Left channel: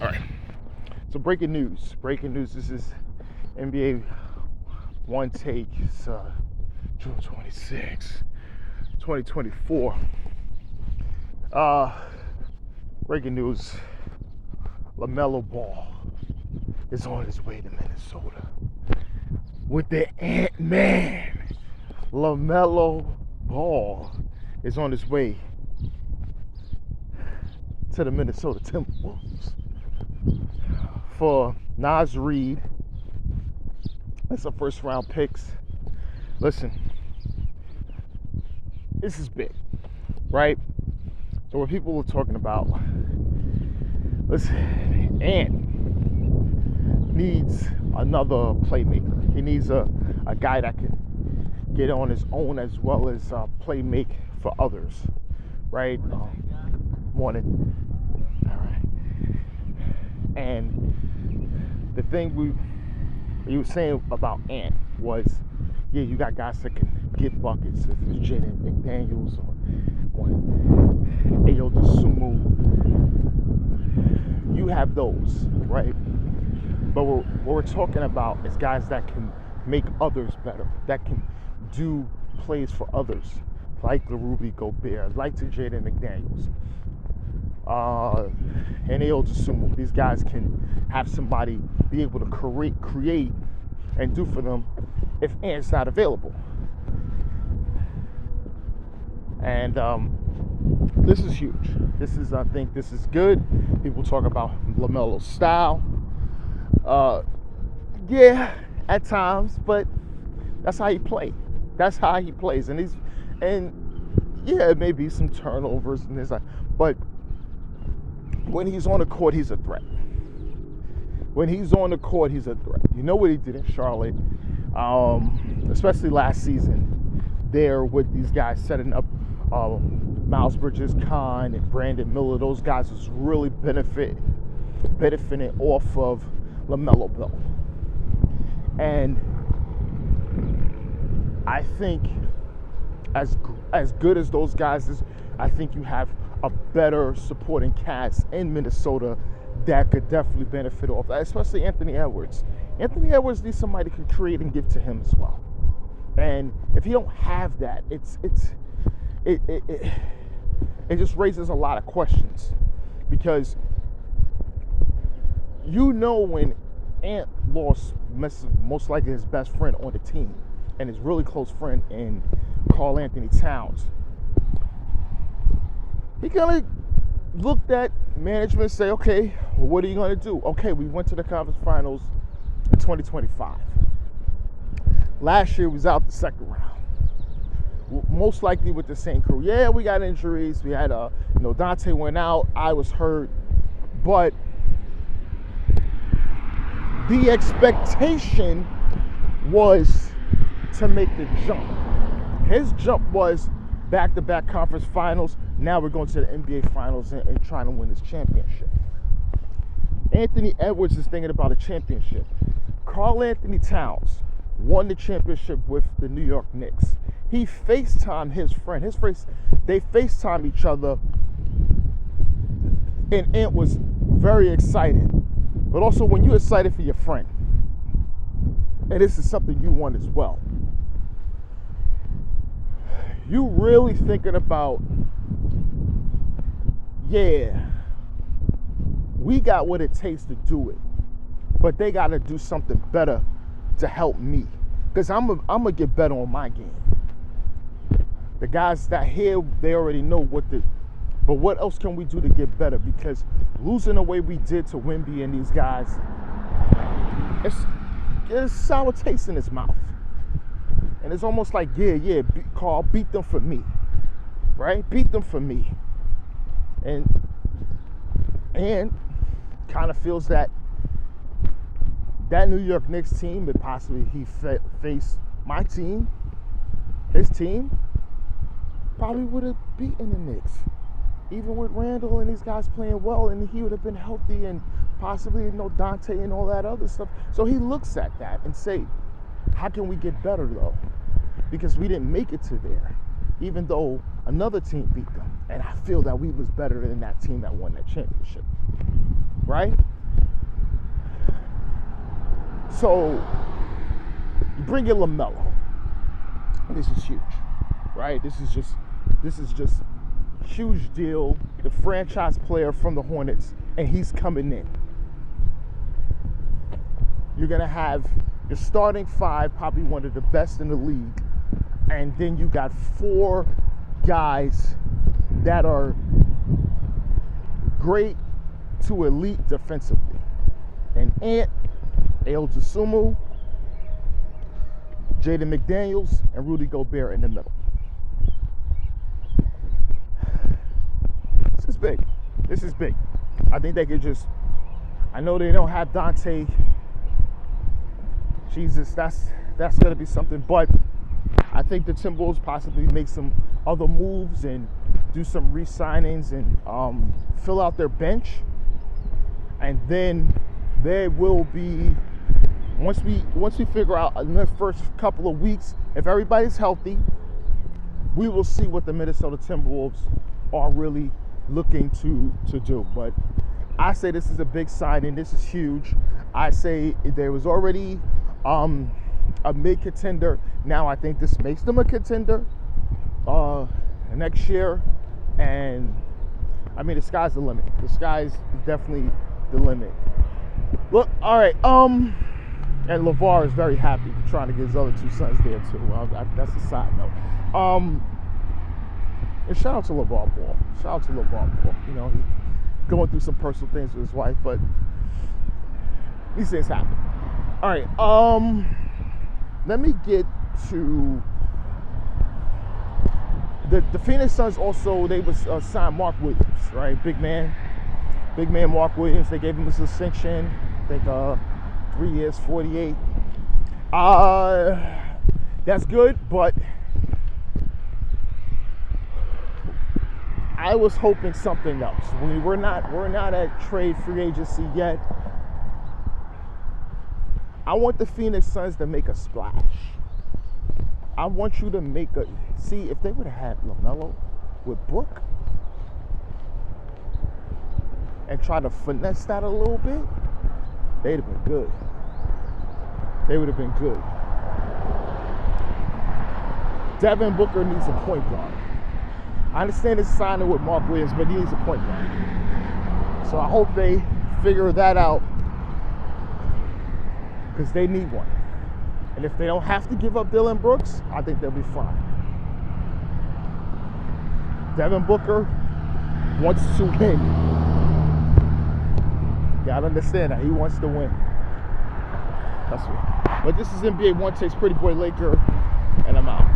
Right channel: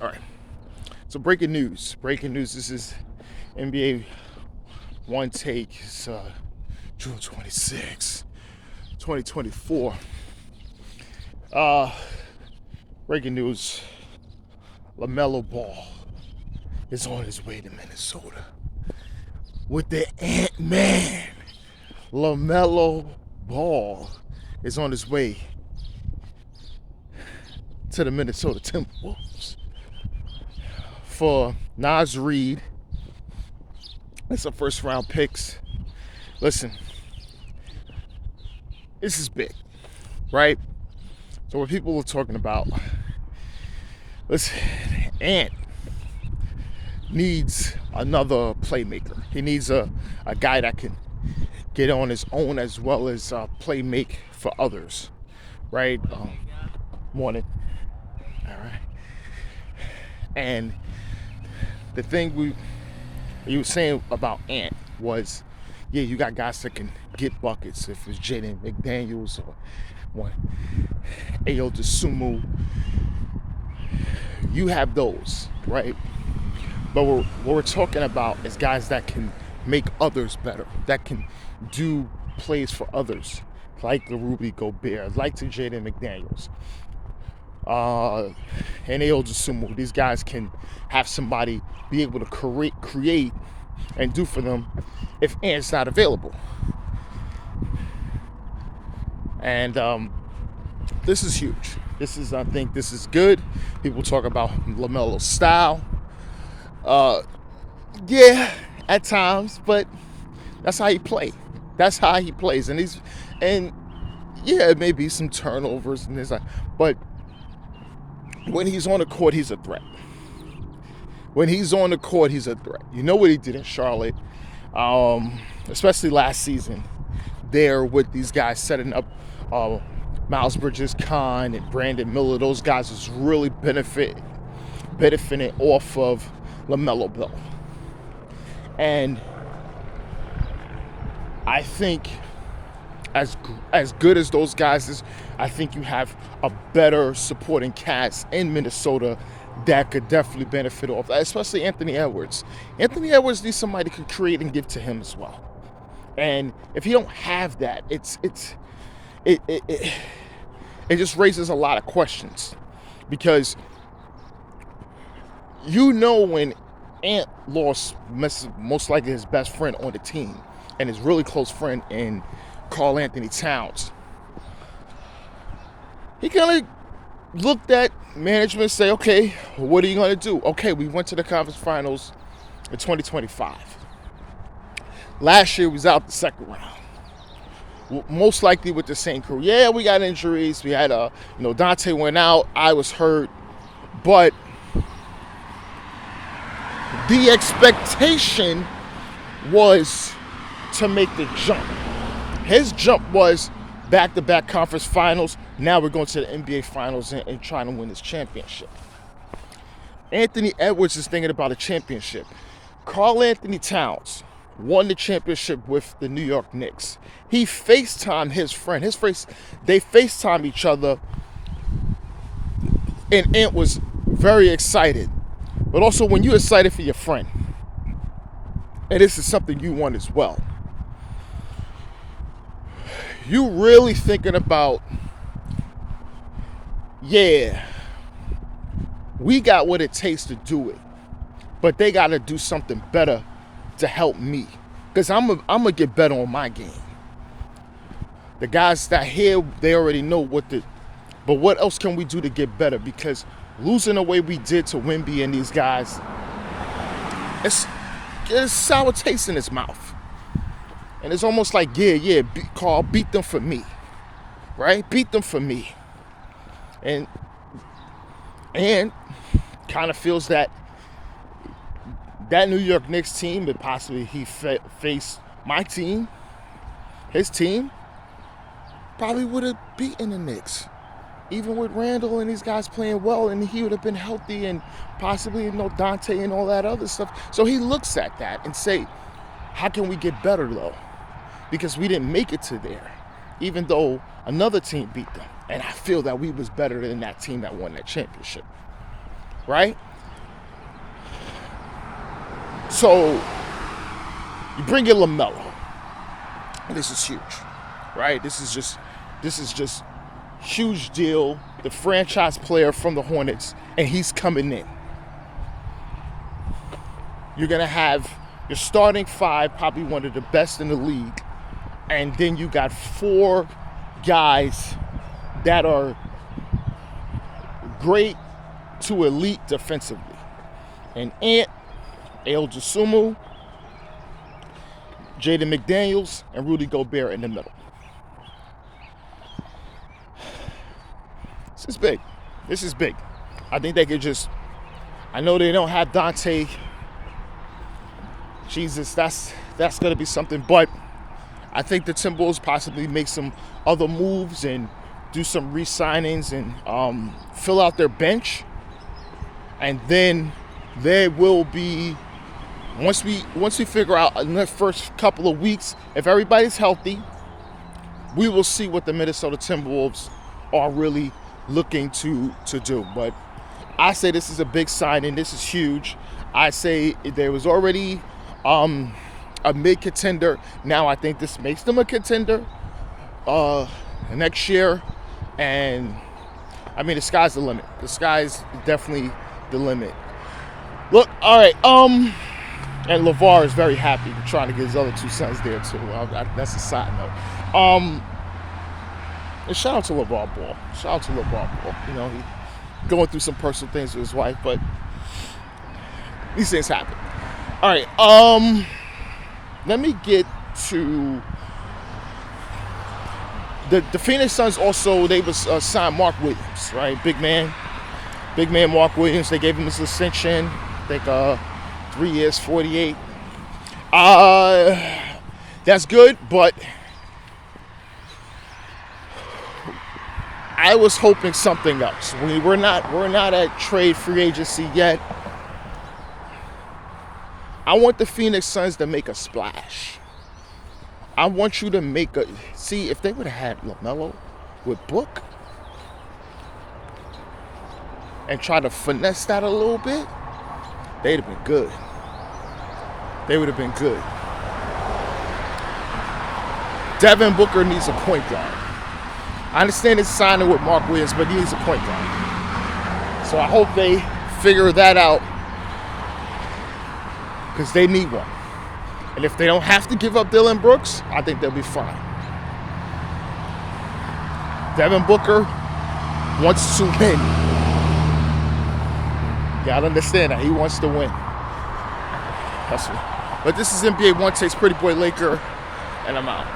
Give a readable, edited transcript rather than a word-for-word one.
All right. So breaking news. This is NBA Onetake. It's June 26, 2024. Breaking news. Lamelo Ball is on his way to Minnesota with the Ant-Man. Lamelo Ball is on his way to the Minnesota Timberwolves for Naz Reid and some first round picks. Listen, this is big, right? So what people are talking about, listen, Ant needs another playmaker. He needs a guy that can get on his own as well as play make for others, right? Morning. All right. And the thing you were saying about Ant was, yeah, you got guys that can get buckets. If it's Jaden McDaniels or Ayo Dosunmu, you have those, right? But what we're talking about is guys that can make others better, that can do plays for others, like the Rudy Gobert, like the Jaden McDaniels, and Ayo Dosunmu. These guys can have somebody be able to create and do for them if Ant's not available. And this is huge. I think this is good. People talk about LaMelo's style. Yeah, at times, but that's how he plays. And yeah, it may be some turnovers and this, but when he's on the court, he's a threat. You know what he did in Charlotte, especially last season, there with these guys setting up Miles Bridges, Khan, and Brandon Miller. Those guys was really benefiting off of LaMelo Ball. And I think as good as those guys is, I think you have a better supporting cast in Minnesota that could definitely benefit off that, especially Anthony Edwards. Anthony Edwards needs somebody to create and give to him as well. And if you don't have that, it just raises a lot of questions, because you know when Ant lost most likely his best friend on the team and his really close friend in Karl Anthony Towns, he kind of looked at management and say, okay, what are you going to do? Okay, we went to the conference finals in 2025. Last year, we was out the second round. Most likely with the same crew. Yeah, we got injuries. We had, Dante went out. I was hurt. But the expectation was to make the jump. His jump was back-to-back conference finals. Now we're going to the NBA finals and trying to win this championship. Anthony Edwards is thinking about a championship. Karl Anthony Towns won the championship with the New York Knicks. He FaceTimed his friend. They FaceTimed each other, and Ant was very excited. But also, when you're excited for your friend, and this is something you want as well, you really thinking about, yeah, we got what it takes to do it, but they got to do something better to help me, because I'm gonna get better on my game. The guys that here, they already know but what else can we do to get better? Because losing the way we did to Wemby and these guys, it's sour taste in his mouth. And it's almost like, Carl, beat them for me, right? Beat them for me. And kind of feels that New York Knicks team, that possibly he faced my team, his team, probably would have beaten the Knicks. Even with Randall and these guys playing well, and he would have been healthy, and possibly Dante and all that other stuff. So he looks at that and say, how can we get better though? Because we didn't make it to there, even though another team beat them. And I feel that we was better than that team that won that championship. right? So you bring in Lamelo. This is huge, right? This is just huge deal. The franchise player from the Hornets, and he's coming in. You're gonna have your starting five, probably one of the best in the league, and then you got 4 guys that are great to elite defensively. And Ant, El Jasumu, Jaden McDaniels, and Rudy Gobert in the middle. This is big. This is big. I think they could just, I know they don't have Dante. Jesus, that's going to be something. But I think the Timberwolves possibly make some other moves and do some re-signings and fill out their bench. And then there will be, once we figure out in the first couple of weeks, if everybody's healthy, we will see what the Minnesota Timberwolves are really looking to do. But I say this is a big signing. This is huge. I say there was already a mid-contender. Now I think this makes them a contender next year. And I mean, the sky's the limit. The sky's definitely the limit. Look, all right. And LeVar is very happy trying to get his other 2 sons there too. That's a side note. And shout out to LeVar Ball. Shout out to LeVar Ball. You know, he going through some personal things with his wife, but these things happen. All right. Let me get to the Phoenix Suns. Also, they was signed Mark Williams, right? Big man Mark Williams. They gave him his extension. I think 3 years, 48. That's good, but I was hoping something else. We're not at trade free agency yet. I want the Phoenix Suns to make a splash. I want you to see if they would have had LaMelo with Book and try to finesse that a little bit, they'd have been good. They would have been good. Devin Booker needs a point guard. I understand it's signing with Mark Williams, but he needs a point guard. So I hope they figure that out, because they need one. And if they don't have to give up Dylan Brooks, I think they'll be fine. Devin Booker wants to win. You gotta understand that. He wants to win. Hustle. But this is NBA One Take's Pretty Boy Laker, and I'm out.